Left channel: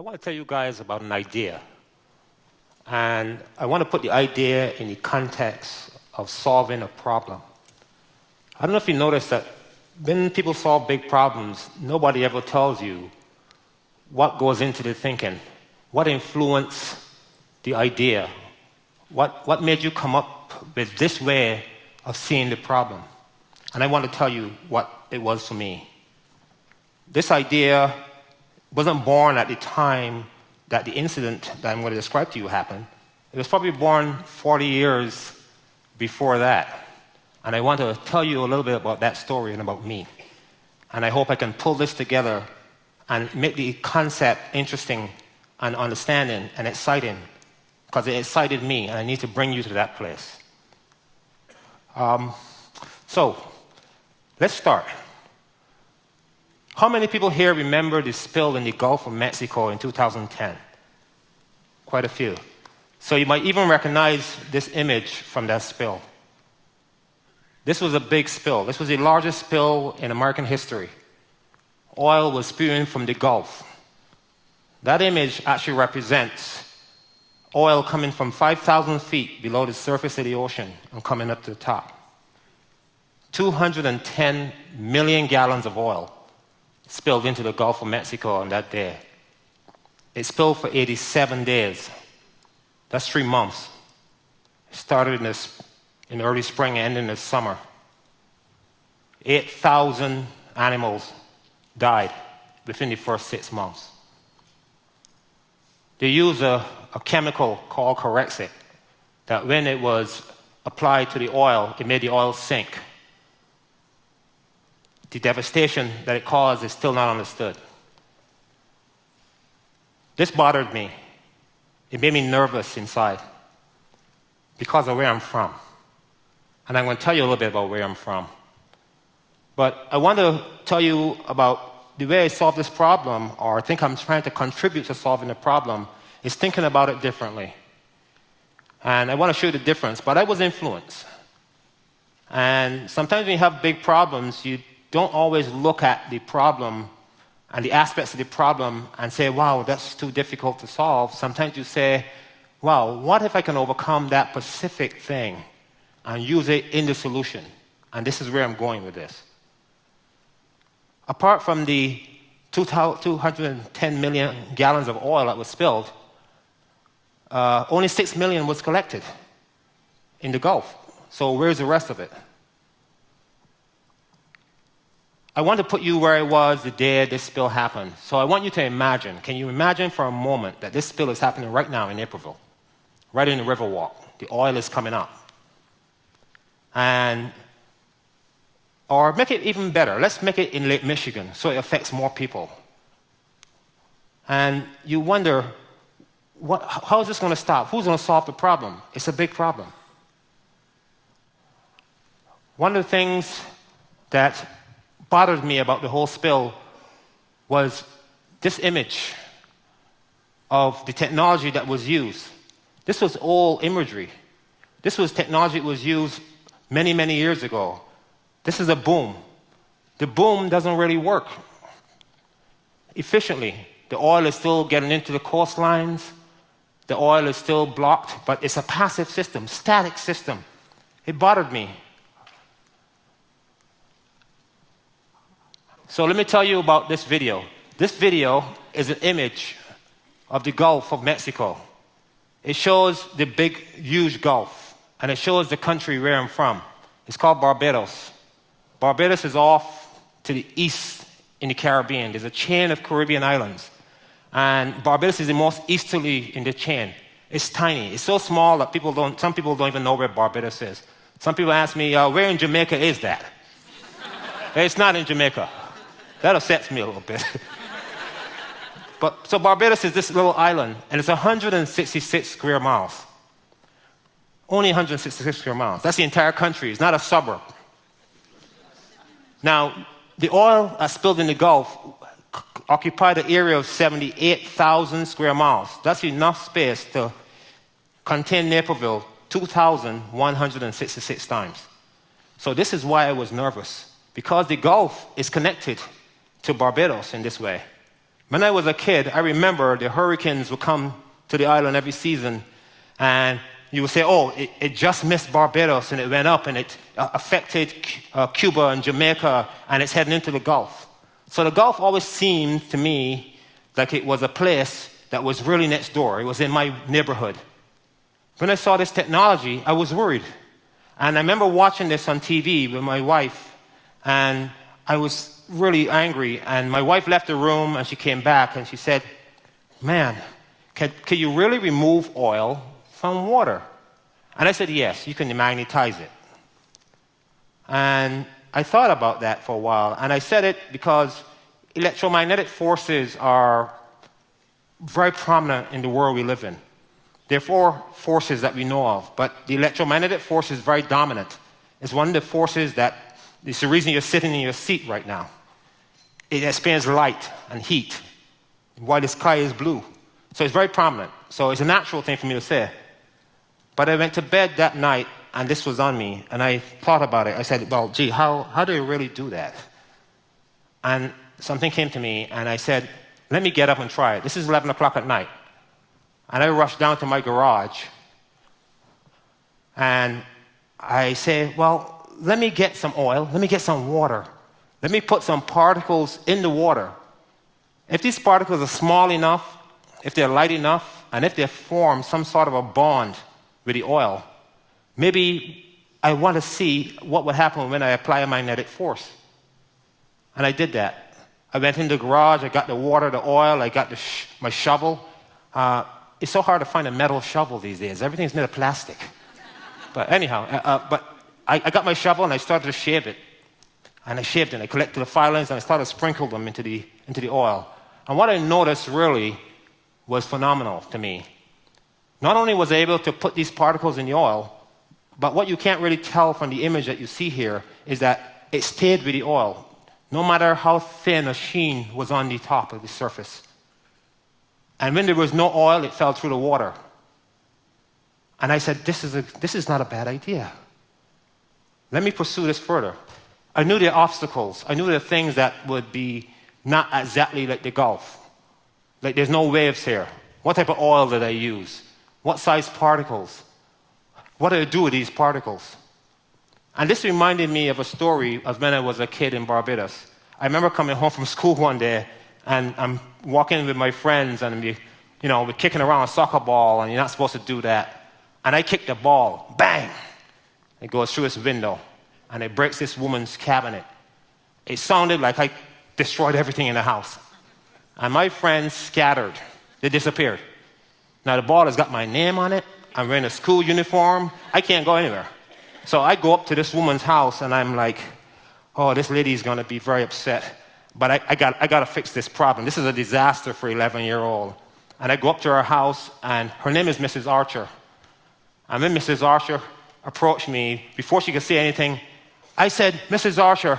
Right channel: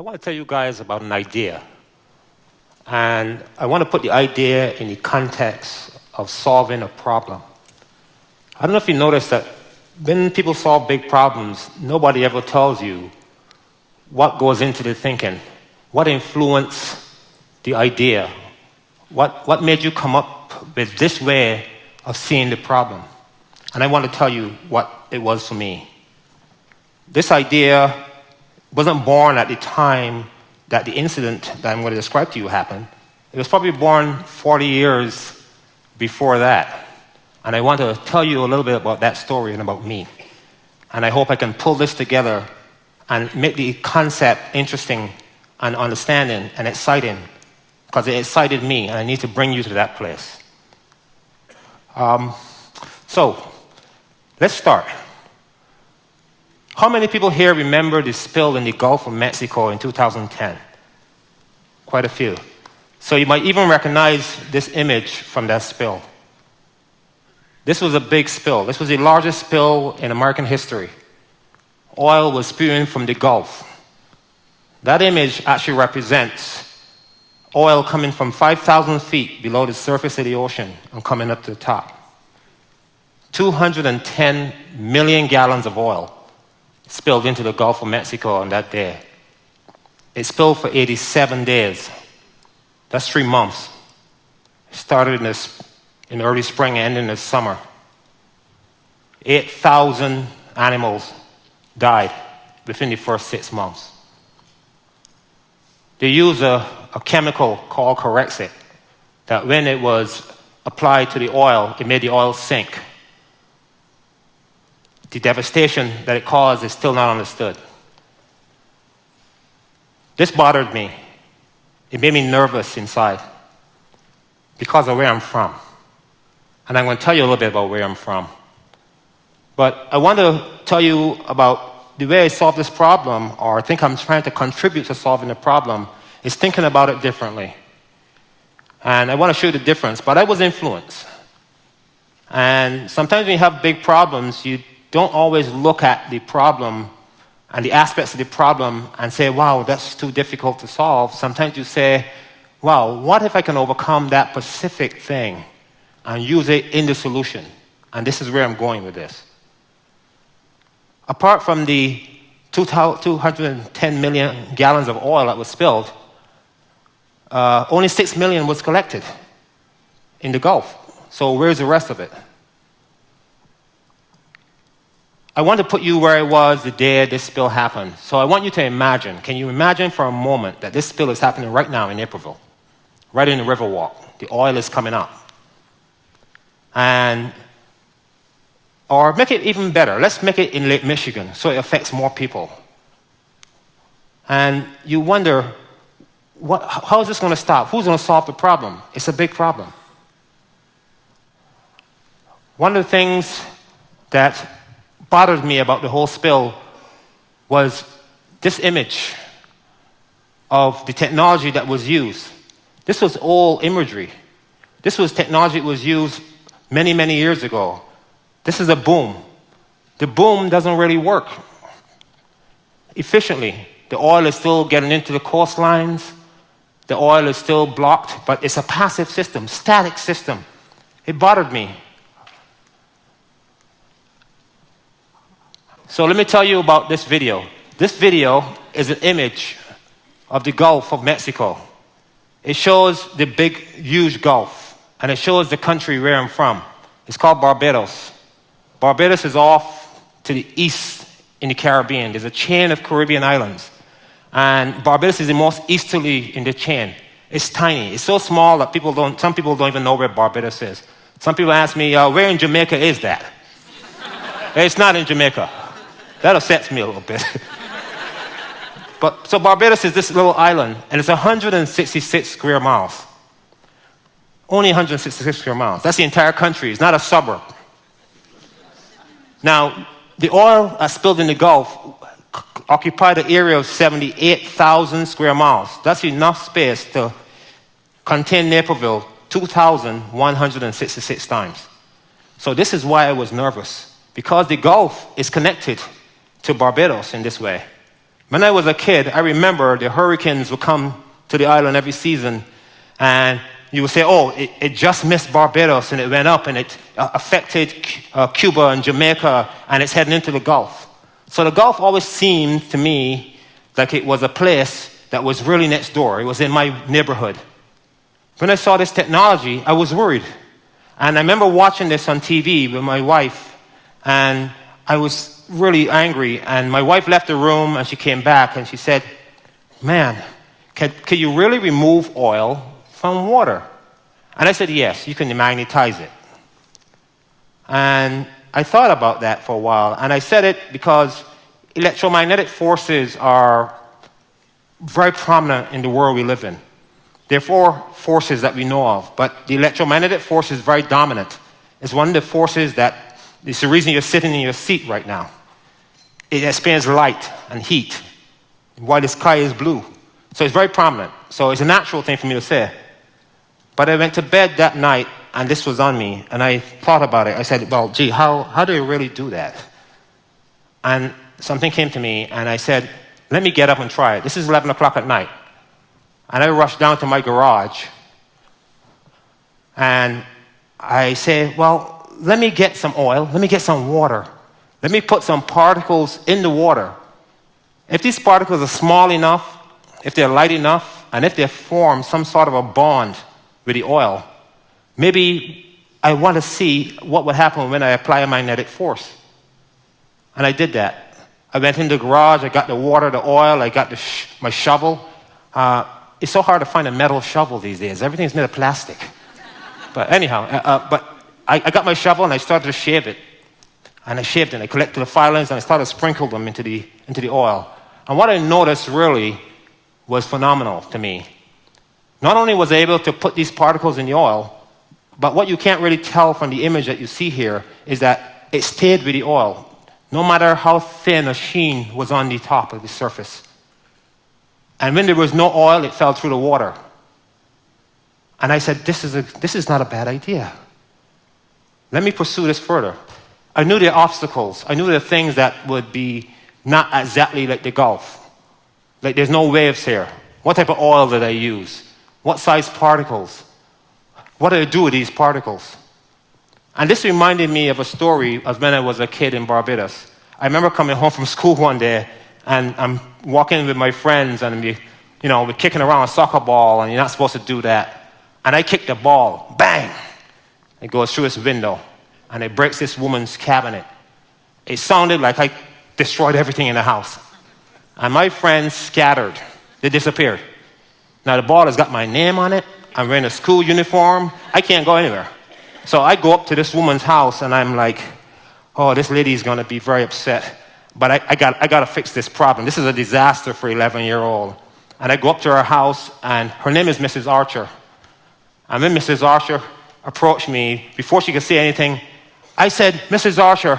I want to tell you guys about an idea. And I want to put the idea in the context of solving a problem. I don't know if you noticed that when people solve big problems, nobody ever tells you what goes into the thinking, what influenced the idea, what made you come up with this way of seeing the problem. And I want to tell you what it was for me. This idea wasn't born at the time that the incident that I'm going to describe to you happened. It was probably born 40 years before that. And I want to tell you a little bit about that story and about me. And I hope I can pull this together and make the concept interesting and understanding and exciting, because it excited me, and I need to bring you to that place. So, let's start. How many people here remember the spill in the Gulf of Mexico in 2010? Quite a few. So you might even recognize this image from that spill. This was a big spill. This was the largest spill in American history. Oil was spewing from the Gulf. That image actually represents oil coming from 5,000 feet below the surface of the ocean and coming up to the top. 210 million gallons of oil spilled into the Gulf of Mexico on that day. It spilled for 87 days. That's 3 months. It started in the early spring and ended in the summer. 8,000 animals died within the first 6 months. They used a chemical called Corexit that when it was applied to the oil, it made the oil sink. The devastation that it caused is still not understood. This bothered me. It made me nervous inside because of where I'm from. And I'm going to tell you a little bit about where I'm from. But I want to tell you about the way I solve this problem, or I think I'm trying to contribute to solving the problem, is thinking about it differently. And I want to show you the difference, but I was influenced. And sometimes when you have big problems, you don't always look at the problem and the aspects of the problem and say, wow, that's too difficult to solve. Sometimes you say, wow, what if I can overcome that specific thing and use it in the solution? And this is where I'm going with this. Apart from the 210 million gallons of oil that was spilled, only 6 million was collected in the Gulf. So where's the rest of it? I want to put you where I was the day this spill happened. So I want you to imagine, can you imagine for a moment that this spill is happening right now in Naperville, right in the Riverwalk. The oil is coming up. Or make it even better. Let's make it in Lake Michigan so it affects more people. And you wonder, how is this going to stop? Who's going to solve the problem? It's a big problem. One of the things that bothered me about the whole spill was this image of the technology that was used. This was old imagery. This was technology that was used many, many years ago. This is a boom. The boom doesn't really work efficiently. The oil is still getting into the coastlines. The oil is still blocked, but it's a passive system, static system. It bothered me. So let me tell you about this video. This video is an image of the Gulf of Mexico. It shows the big, huge Gulf, and it shows the country where I'm from. It's called Barbados. Barbados is off to the east in the Caribbean. There's a chain of Caribbean islands, and Barbados is the most easterly in the chain. It's tiny. It's so small that some people don't even know where Barbados is. Some people ask me, where in Jamaica is that? It's not in Jamaica. That upsets me a little bit. So Barbados is this little island, and it's 166 square miles. Only 166 square miles. That's the entire country. It's not a suburb. Now, the oil that spilled in the Gulf occupied an area of 78,000 square miles. That's enough space to contain Naperville 2,166 times. So this is why I was nervous, because the Gulf is connected to Barbados in this way. When I was a kid, I remember the hurricanes would come to the island every season, and you would say, oh, it just missed Barbados, and it went up, and it affected Cuba and Jamaica, and it's heading into the Gulf. So the Gulf always seemed to me like it was a place that was really next door. It was in my neighborhood. When I saw this technology, I was worried. And I remember watching this on TV with my wife, and I was really angry. And my wife left the room, and she came back, and she said, man, can you really remove oil from water? And I said, yes, you can magnetize it. And I thought about that for a while, and I said it because electromagnetic forces are very prominent in the world we live in. There are four forces that we know of, but the electromagnetic force is very dominant. It's one of the forces that is the reason you're sitting in your seat right now. It expands light and heat, while the sky is blue. So it's very prominent. So it's a natural thing for me to say. But I went to bed that night, and this was on me, and I thought about it. I said, well, gee, how do you really do that? And something came to me, and I said, let me get up and try it. This is 11 o'clock at night. And I rushed down to my garage, and I say, well, let me get some oil, let me get some water. Let me put some particles in the water. If these particles are small enough, if they're light enough, and if they form some sort of a bond with the oil, maybe I want to see what would happen when I apply a magnetic force. And I did that. I went in the garage, I got the water, the oil, I got my shovel. It's so hard to find a metal shovel these days. Everything's made of plastic. But anyhow, I got my shovel and I started to shave it. And I shaved it. I collected the filings and I started to sprinkle them into the oil. And what I noticed really was phenomenal to me. Not only was I able to put these particles in the oil, but what you can't really tell from the image that you see here is that it stayed with the oil, no matter how thin a sheen was on the top of the surface. And when there was no oil, it fell through the water. And I said, this is not a bad idea. Let me pursue this further. I knew the obstacles. I knew the things that would be not exactly like the Gulf. Like there's no waves here. What type of oil did I use? What size particles? What did I do with these particles? And this reminded me of a story of when I was a kid in Barbados. I remember coming home from school one day, and I'm walking with my friends, and we're kicking around a soccer ball, and you're not supposed to do that. And I kicked the ball, bang! It goes through this window, and it breaks this woman's cabinet. It sounded like I destroyed everything in the house. And my friends scattered. They disappeared. Now the ball has got my name on it. I'm wearing a school uniform. I can't go anywhere. So I go up to this woman's house, and I'm like, oh, this lady's going to be very upset. But I got to fix this problem. This is a disaster for an 11-year-old. And I go up to her house, and her name is Mrs. Archer. And when Mrs. Archer approached me, before she could say anything, I said, Mrs. Archer,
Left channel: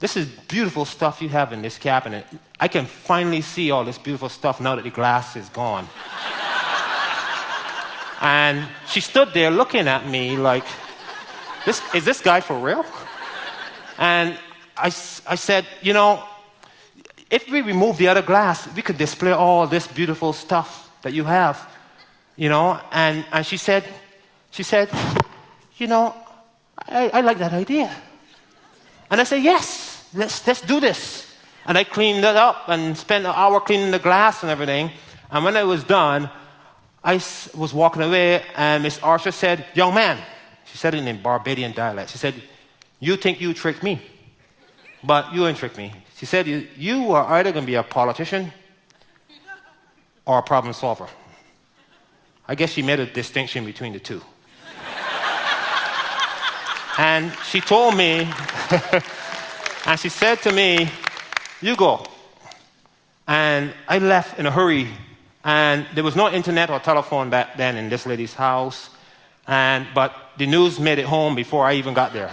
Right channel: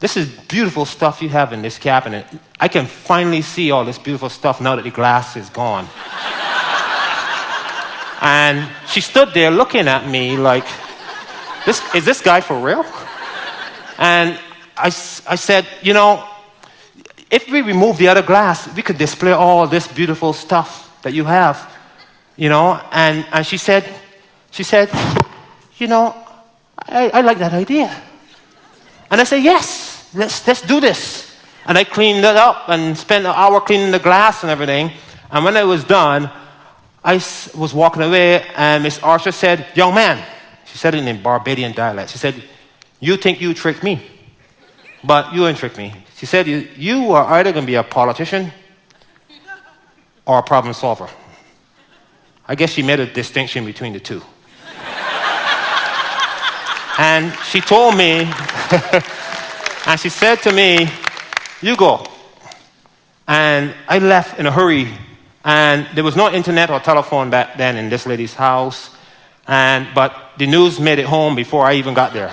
this is beautiful stuff you have in this cabinet. I can finally see all this beautiful stuff now that the glass is gone. And she stood there looking at me like, is this guy for real? And I said, if we remove the other glass, we could display all this beautiful stuff that you have, And she said, I like that idea. And I said, yes, let's do this. And I cleaned it up and spent an hour cleaning the glass and everything. And when I was done, I was walking away, and Miss Archer said, young man, she said it in Barbadian dialect. She said, you think you tricked me, but you didn't trick me. She said, you are either going to be a politician or a problem solver. I guess she made a distinction between the two. And she told me, and she said to me, you go. And I left in a hurry. And there was no internet or telephone back then in this lady's house. But the news made it home before I even got there.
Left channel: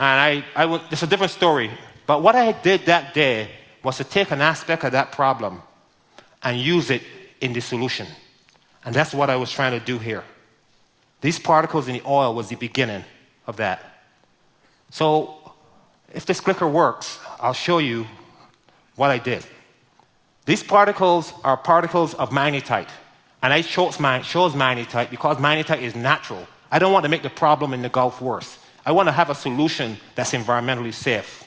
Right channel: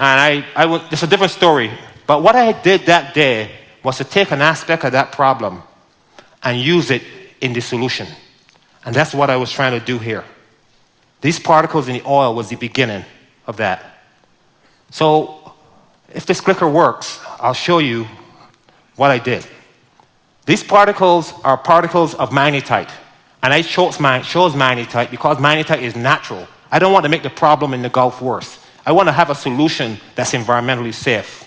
And it's a different story. But what I did that day was to take an aspect of that problem and use it in the solution. And that's what I was trying to do here. These particles in the oil was the beginning of that. So if this clicker works, I'll show you what I did. These particles are particles of magnetite. And I chose magnetite because magnetite is natural. I don't want to make the problem in the Gulf worse. I want to have a solution that's environmentally safe.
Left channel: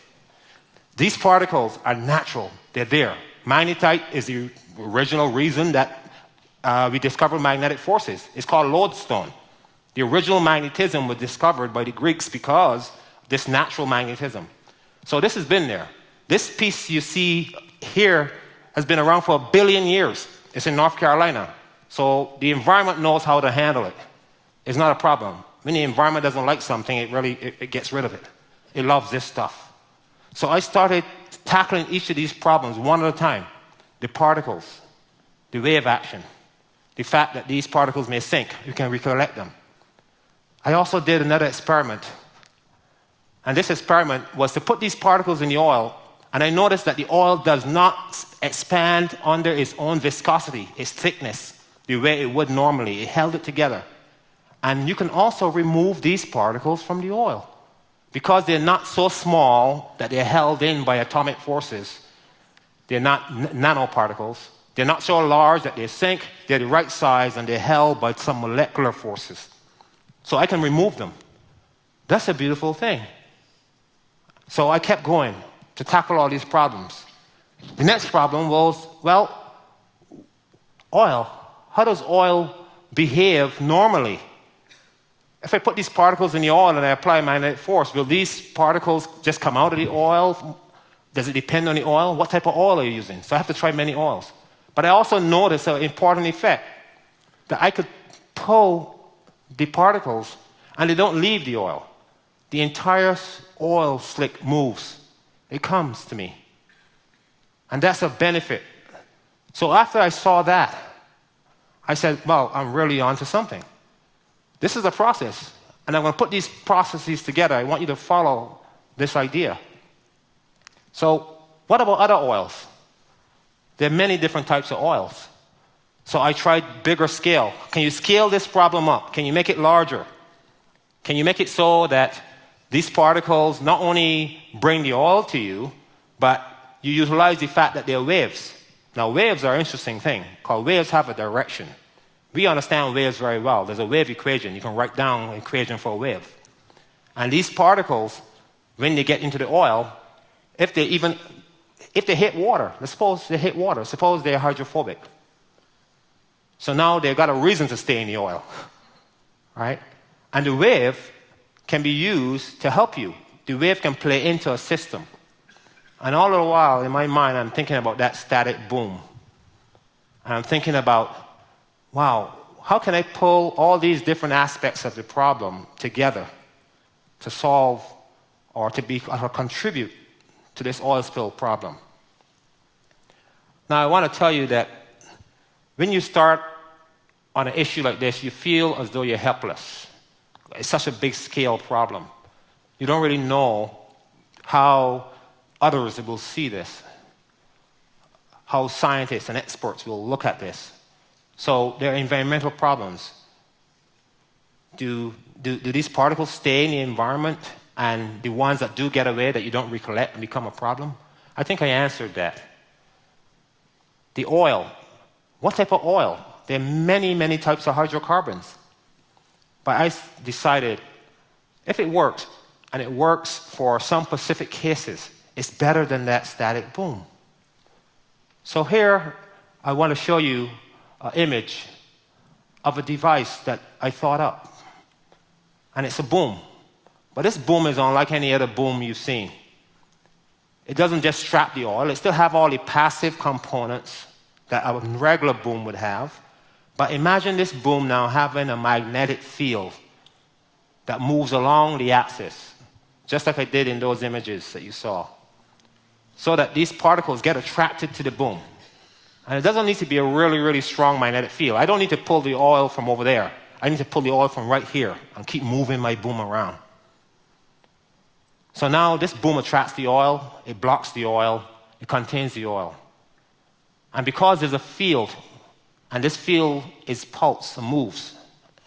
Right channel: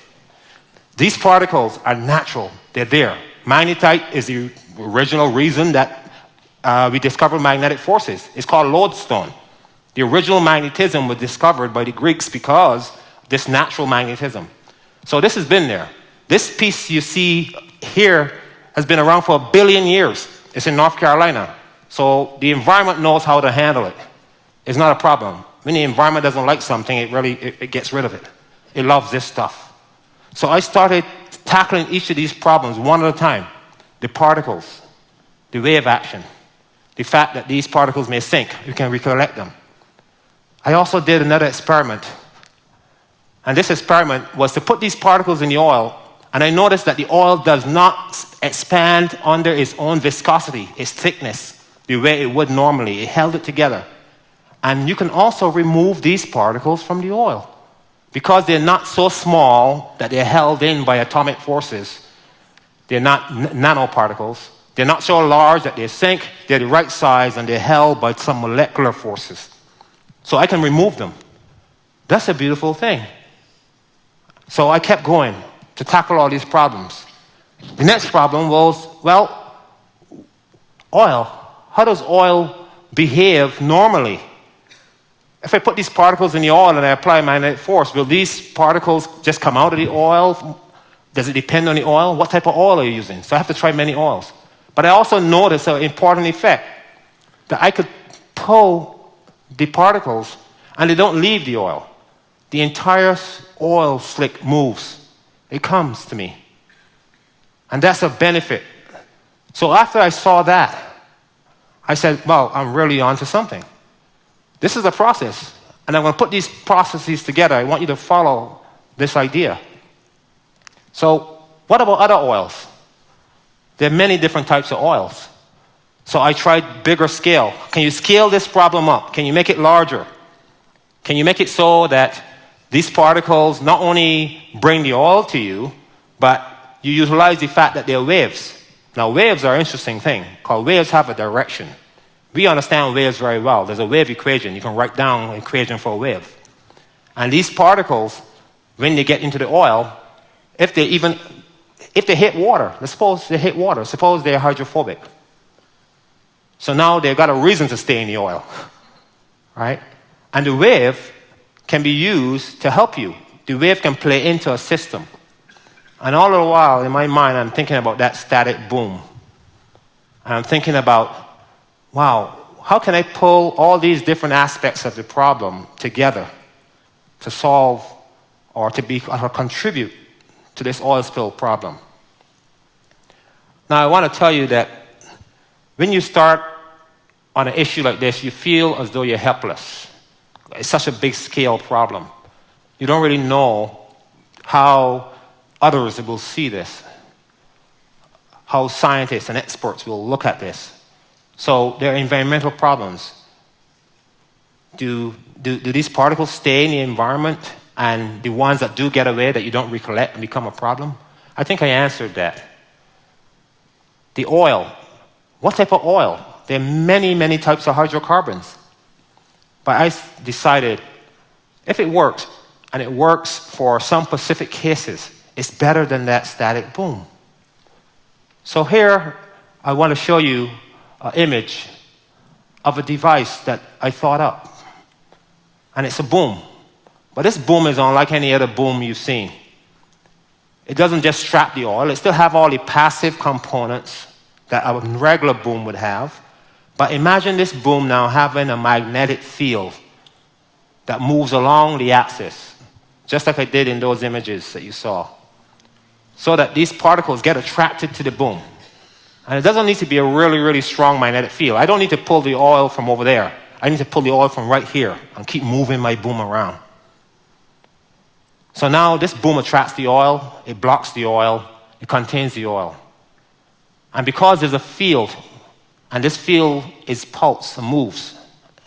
These particles are natural. They're there. Magnetite is the original reason that we discovered magnetic forces. It's called lodestone. The original magnetism was discovered by the Greeks because of this natural magnetism. So this has been there. This piece you see here has been around for 1 billion years. It's in North Carolina. So the environment knows how to handle it. It's not a problem. When the environment doesn't like something, it gets rid of it. It loves this stuff. So I started tackling each of these problems one at a time. The particles, the wave action, the fact that these particles may sink. You can recollect them. I also did another experiment. And this experiment was to put these particles in the oil, and I noticed that the oil does not expand under its own viscosity, its thickness, the way it would normally. It held it together. And you can also remove these particles from the oil. Because they're not so small that they're held in by atomic forces. They're not nanoparticles. They're not so large that they sink. They're the right size, and they're held by some molecular forces. So I can remove them. That's a beautiful thing. So I kept going to tackle all these problems. The next problem was, well, oil. How does oil behave normally? If I put these particles in the oil and I apply magnetic force, will these particles just come out of the oil? Does it depend on the oil? What type of oil are you using? So I have to try many oils. But I also noticed an important effect, that I could pull the particles and they don't leave the oil. The entire oil slick moves. It comes to me. And that's a benefit. So after I saw that, I said, well, I'm really onto something. This is a process. And I'm going to put these processes together. I want you to follow this idea. So what about other oils? There are many different types of oils. So I tried bigger scale. Can you scale this problem up? Can you make it larger? Can you make it so that these particles not only bring the oil to you, but you utilize the fact that they're waves. Now, waves are an interesting thing, because waves have a direction. We understand waves very well. There's a wave equation. You can write down an equation for a wave. And these particles, when they get into the oil, if they hit water, let's suppose they hit water, suppose they're hydrophobic. So now they've got a reason to stay in the oil, right? And the wave can be used to help you. The wave can play into a system. And all the while, in my mind, I'm thinking about that static boom. And I'm thinking about, wow, how can I pull all these different aspects of the problem together to solve or contribute to this oil spill problem? Now, I want to tell you that when you start on an issue like this, you feel as though you're helpless. It's such a big scale problem. You don't really know how others will see this, how scientists and experts will look at this. So there are environmental problems. Do these particles stay in the environment, and the ones that do get away that you don't recollect become a problem? I think I answered that. The oil. What type of oil? There are many, many types of hydrocarbons. But I decided, if it works, and it works for some specific cases, it's better than that static boom. So here, I want to show you an image of a device that I thought up. And it's a boom. But this boom is unlike any other boom you've seen. It doesn't just trap the oil. It still have all the passive components that a regular boom would have. But imagine this boom now having a magnetic field that moves along the axis, just like I did in those images that you saw, so that these particles get attracted to the boom. And it doesn't need to be a really, really strong magnetic field. I don't need to pull the oil from over there. I need to pull the oil from right here and keep moving my boom around. So now this boom attracts the oil, it blocks the oil, it contains the oil. And because there's a field, and this field is pulse and moves,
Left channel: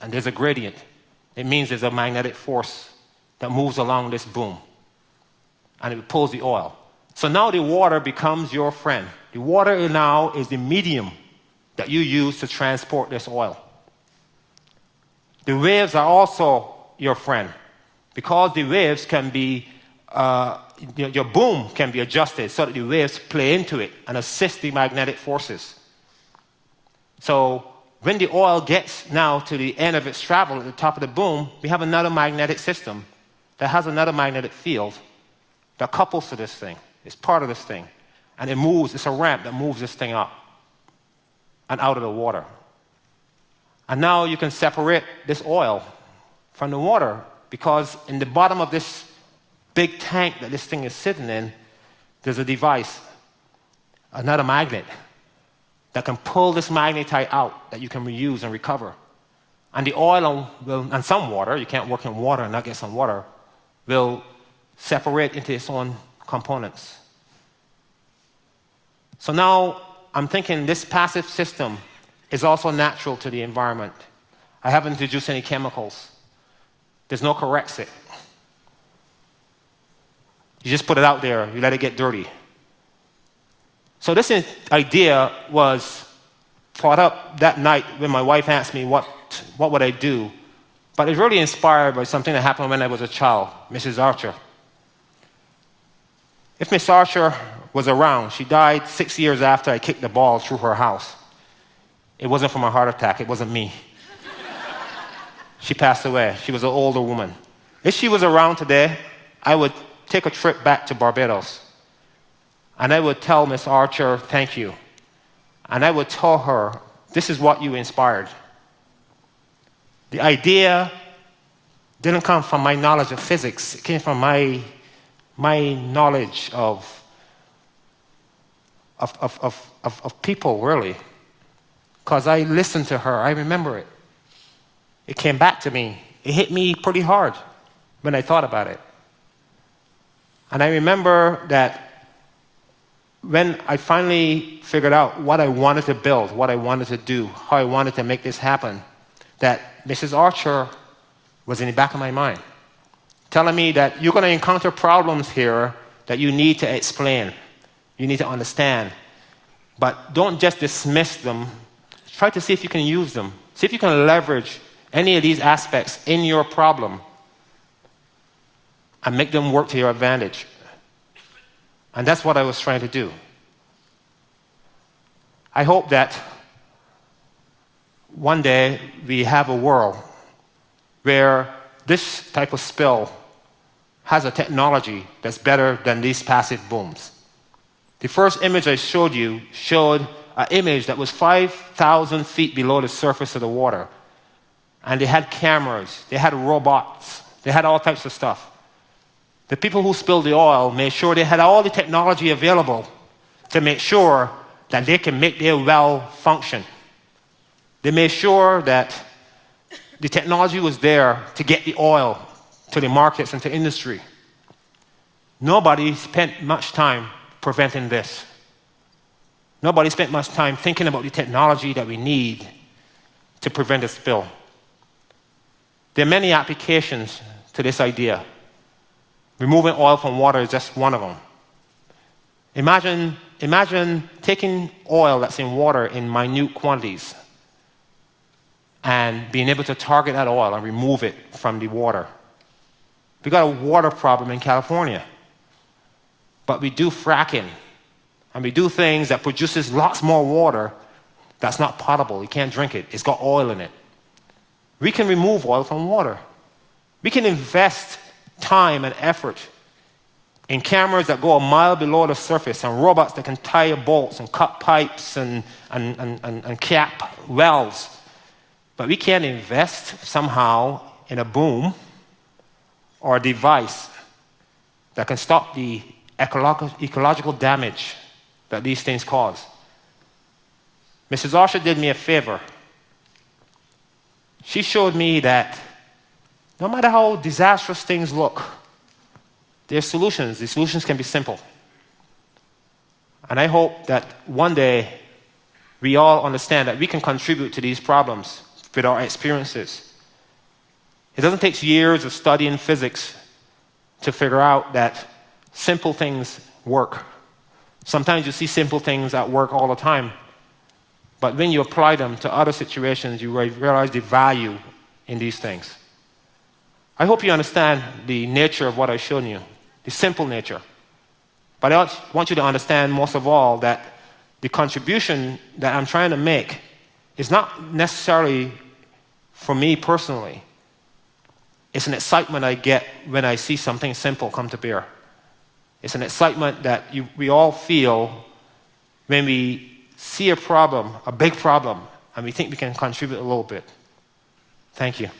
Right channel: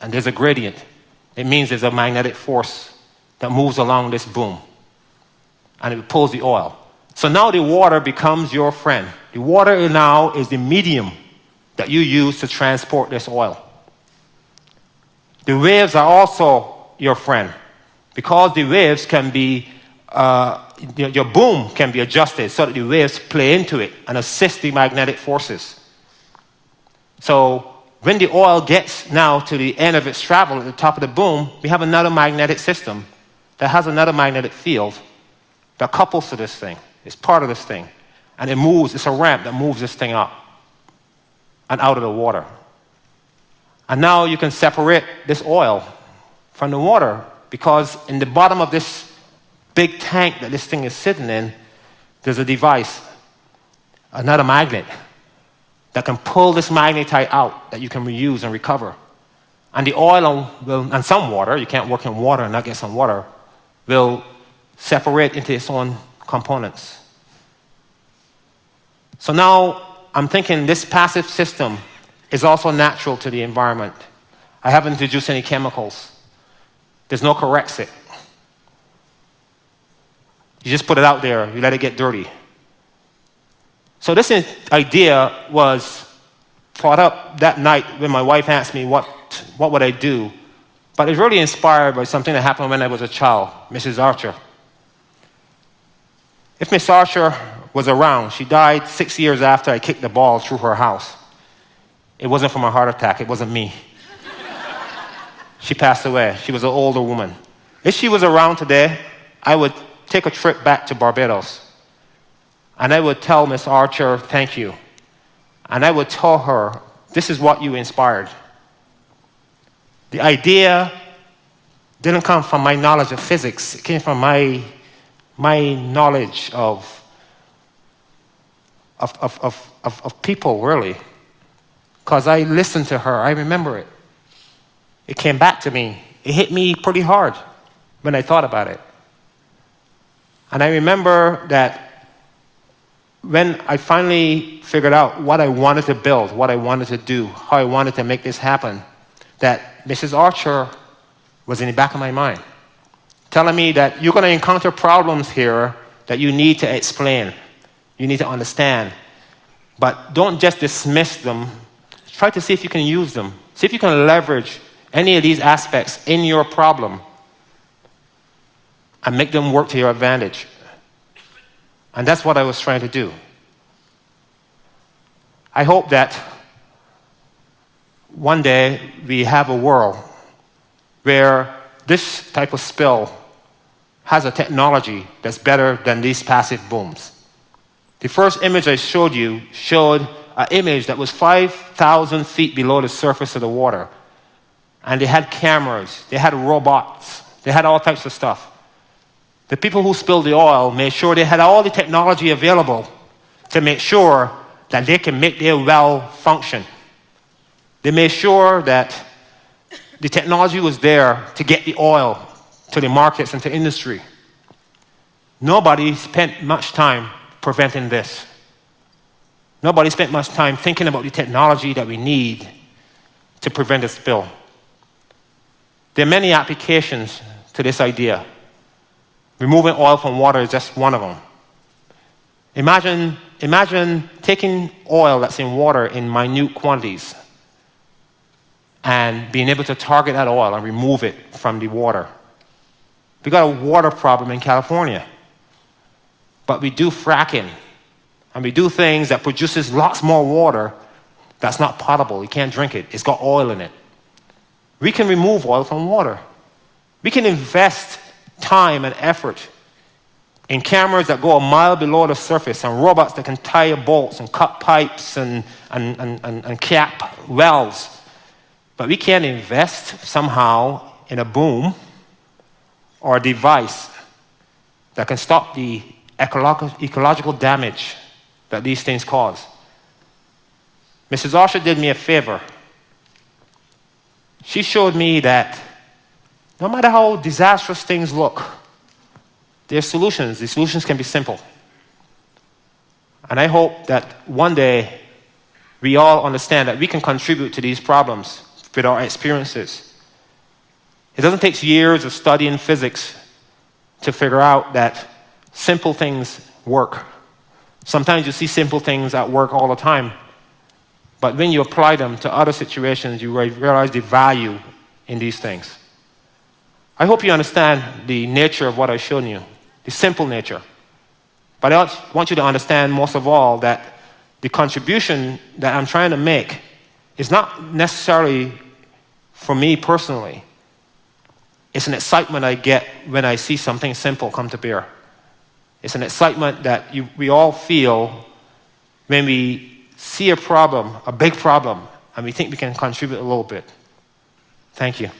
and there's a gradient, it means there's a magnetic force that moves along this boom, and it pulls the oil. So now the water becomes your friend. The water now is the medium that you use to transport this oil. The waves are also your friend, because the waves can be, your boom can be adjusted so that the waves play into it and assist the magnetic forces. So when the oil gets now to the end of its travel at the top of the boom, we have another magnetic system that has another magnetic field that couples to this thing. It's part of this thing. And it moves, it's a ramp that moves this thing up and out of the water. And now you can separate this oil from the water, because in the bottom of this big tank that this thing is sitting in, there's a device, another magnet, that can pull this magnetite out that you can reuse and recover. And the oil and some water, you can't work in water and not get some water, will separate into its own components. So now I'm thinking this passive system is also natural to the environment. I haven't introduced any chemicals. There's no correxic. You just put it out there, you let it get dirty. So this idea was brought up that night when my wife asked me what would I do. But it's really inspired by something that happened when I was a child, Mrs. Archer. If Miss Archer was around, she died 6 years after I kicked the ball through her house. It wasn't from a heart attack, it wasn't me. She passed away. She was an older woman. If she was around today, I would take a trip back to Barbados. And I would tell Miss Archer, thank you. And I would tell her, this is what you inspired. The idea didn't come from my knowledge of physics. It came from my knowledge of people, really. Because I listened to her, I remember it. It came back to me. It hit me pretty hard when I thought about it. And I remember that when I finally figured out what I wanted to build, what I wanted to do, how I wanted to make this happen, that Mrs. Archer was in the back of my mind, telling me that you're going to encounter problems here that you need to explain, you need to understand, but don't just dismiss them. Try to see if you can use them. See if you can leverage any of these aspects in your problem and make them work to your advantage. And that's what I was trying to do. I hope that one day we have a world where this type of spill has a technology that's better than these passive booms. The first image I showed you showed an image that was 5,000 feet below the surface of the water. And they had cameras, they had robots, they had all types of stuff. The people who spilled the oil made sure they had all the technology available to make sure that they can make their well function. They made sure that the technology was there to get the oil to the markets and to industry. Nobody spent much time preventing this. Nobody spent much time thinking about the technology that we need to prevent a spill. There are many applications to this idea. Removing oil from water is just one of them. Imagine taking oil that's in water in minute quantities and being able to target that oil and remove it from the water. We got a water problem in California, but we do fracking and we do things that produces lots more water that's not potable. You can't drink it. It's got oil in it. We can remove oil from water. We can invest time and effort in cameras that go a mile below the surface and robots that can tie bolts and cut pipes and cap wells. But we can't invest somehow in a boom or a device that can stop the ecological damage that these things cause. Mrs. Archer did me a favor. She showed me that no matter how disastrous things look, there are solutions. The solutions can be simple. And I hope that one day we all understand that we can contribute to these problems with our experiences. It doesn't take years of studying physics to figure out that simple things work. Sometimes you see simple things at work all the time, but when you apply them to other situations, you realize the value in these things. I hope you understand the nature of what I've shown you, the simple nature. But I want you to understand, most of all, that the contribution that I'm trying to make is not necessarily for me personally. It's an excitement I get when I see something simple come to bear. It's an excitement that we all feel when we see a problem, a big problem, and we think we can contribute a little bit. Thank you.